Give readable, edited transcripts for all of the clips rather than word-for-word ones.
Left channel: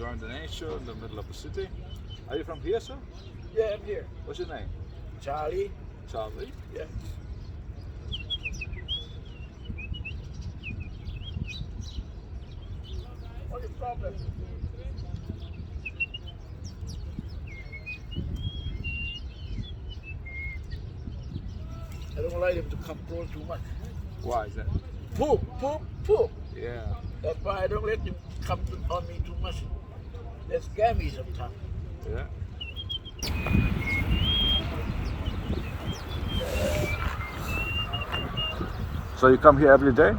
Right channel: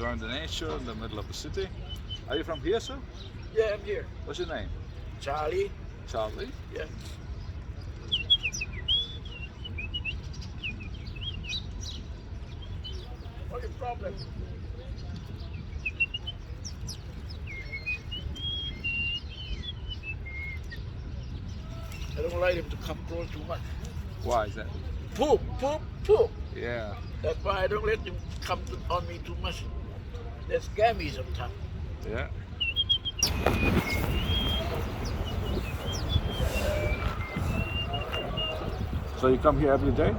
enjoying the nature in the middle of the city. Are you from here, sir? Yeah, I'm here. What's your name? Charlie. Charlie. Yeah. What's the problem? I don't like him to control too much. Why is that? Poop, poop, poop. Yeah. That's why I don't let him come on me too much. They scare me sometimes. Yeah. So you come here every day?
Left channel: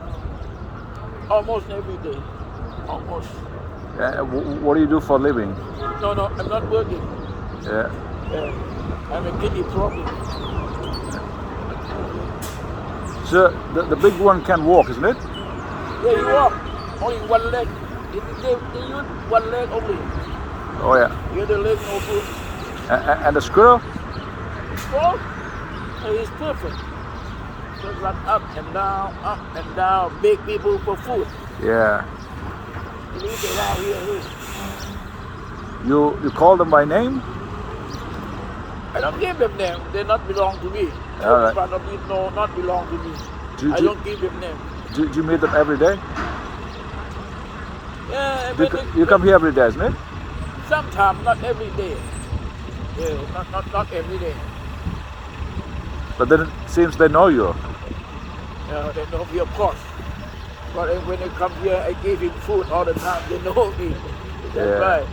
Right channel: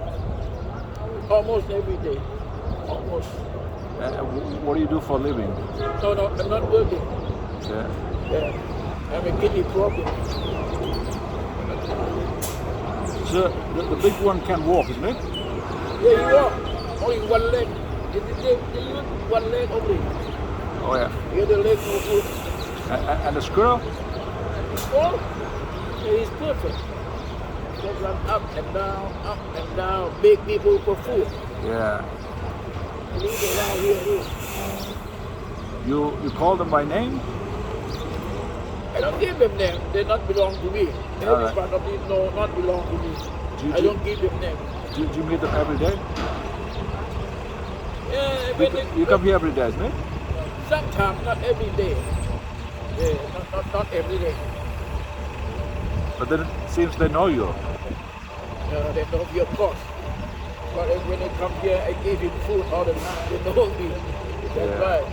Almost every day. Almost. What do you do for a living? No, I'm not working. Yeah. Yeah. I'm a kidney problem. So the big one can walk, isn't it? Yeah, you walk. Only one leg. You use one leg only. Oh yeah. The other leg no good. And the squirrel? Oh, he's perfect. Just run up and down, beg people for food. Yeah. He lives around here too. You call them by name? I don't give them name. They not belong to me. All right. Every part of it no not belong to me. Do I don't give them name. Do you meet them every day? Yeah, You come here every day, isn't it? sometimes, not every day. Yeah, not every day. But then it seems they know you. They know me, of course. But when they come here, I give him food all the time. They know me. That's Yeah. right.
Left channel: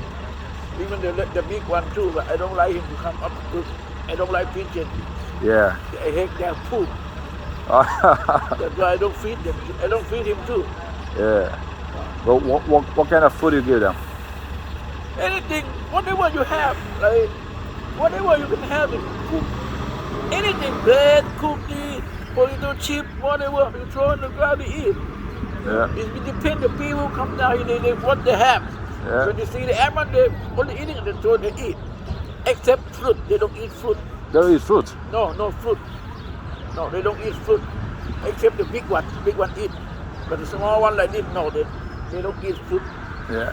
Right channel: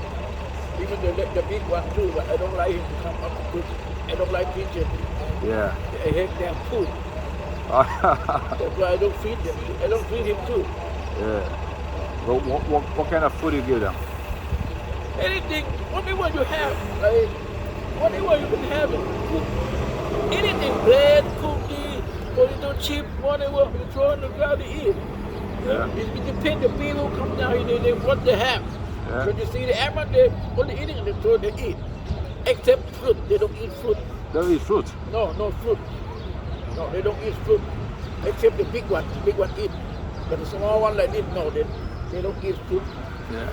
Even the big one too, but I don't like him to come up to cook. I don't like pigeon. Yeah. I hate their poop. That's why I don't feed them. I don't feed him too. Yeah. But what kind of food you give them? Anything, whatever you have, like whatever you can have, cook. Anything, bread, cookie, potato chip, whatever, you throw in the ground, they eat. Yeah. It depends the people who come down here, they what they have. Yeah. When they see the animal, they only eating the throw they eat. Except fruit, they don't eat fruit. They don't eat fruit. No fruit. No, they don't eat fruit. Except the big one eat. But the small one like this, no, they don't eat fruit. Yeah.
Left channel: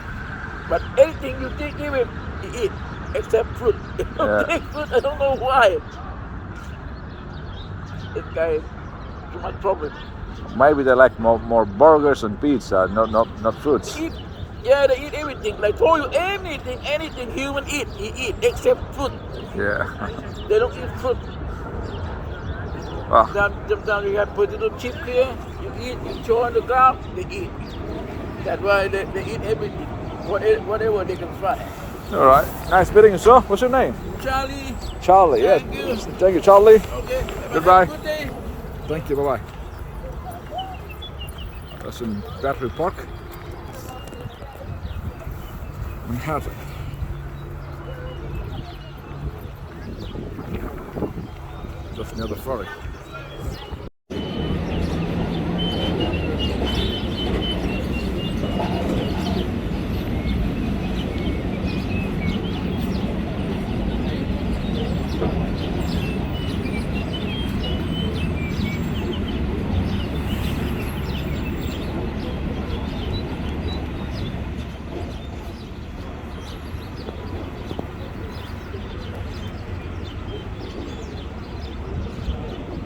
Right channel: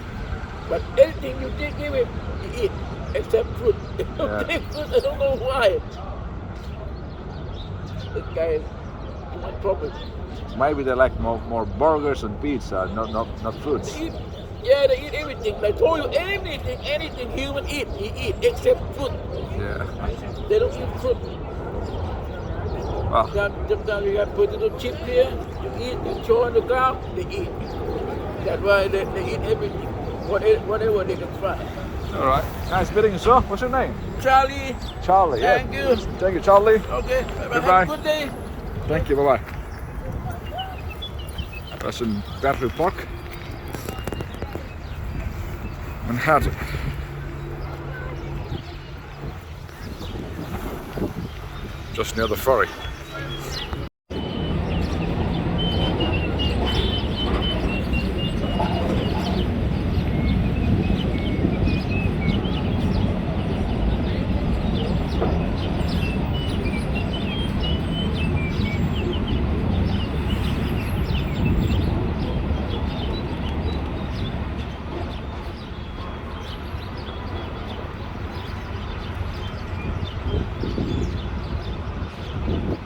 But anything you give him, he eat. Except fruit. They don't Yeah. take fruit, I don't know why. This guy is too much problem. Maybe they like more burgers and pizza, not fruits. They eat, yeah, they eat everything. Like told you, anything human eat, he eat, except fruit. Yeah. They don't eat fruit. Well, Sometimes you have potato chip here, you eat, you throw on the ground, they eat. That's why they eat everything, whatever they can find. all right. Nice meeting you, sir. What's your name? Charlie, Charlie. Yeah. Thank you. Thank you, Charlie. okay, Goodbye. have a good day. Thank you. Bye bye. Dat is een Battery Park. Manhattan. Just near the ferry.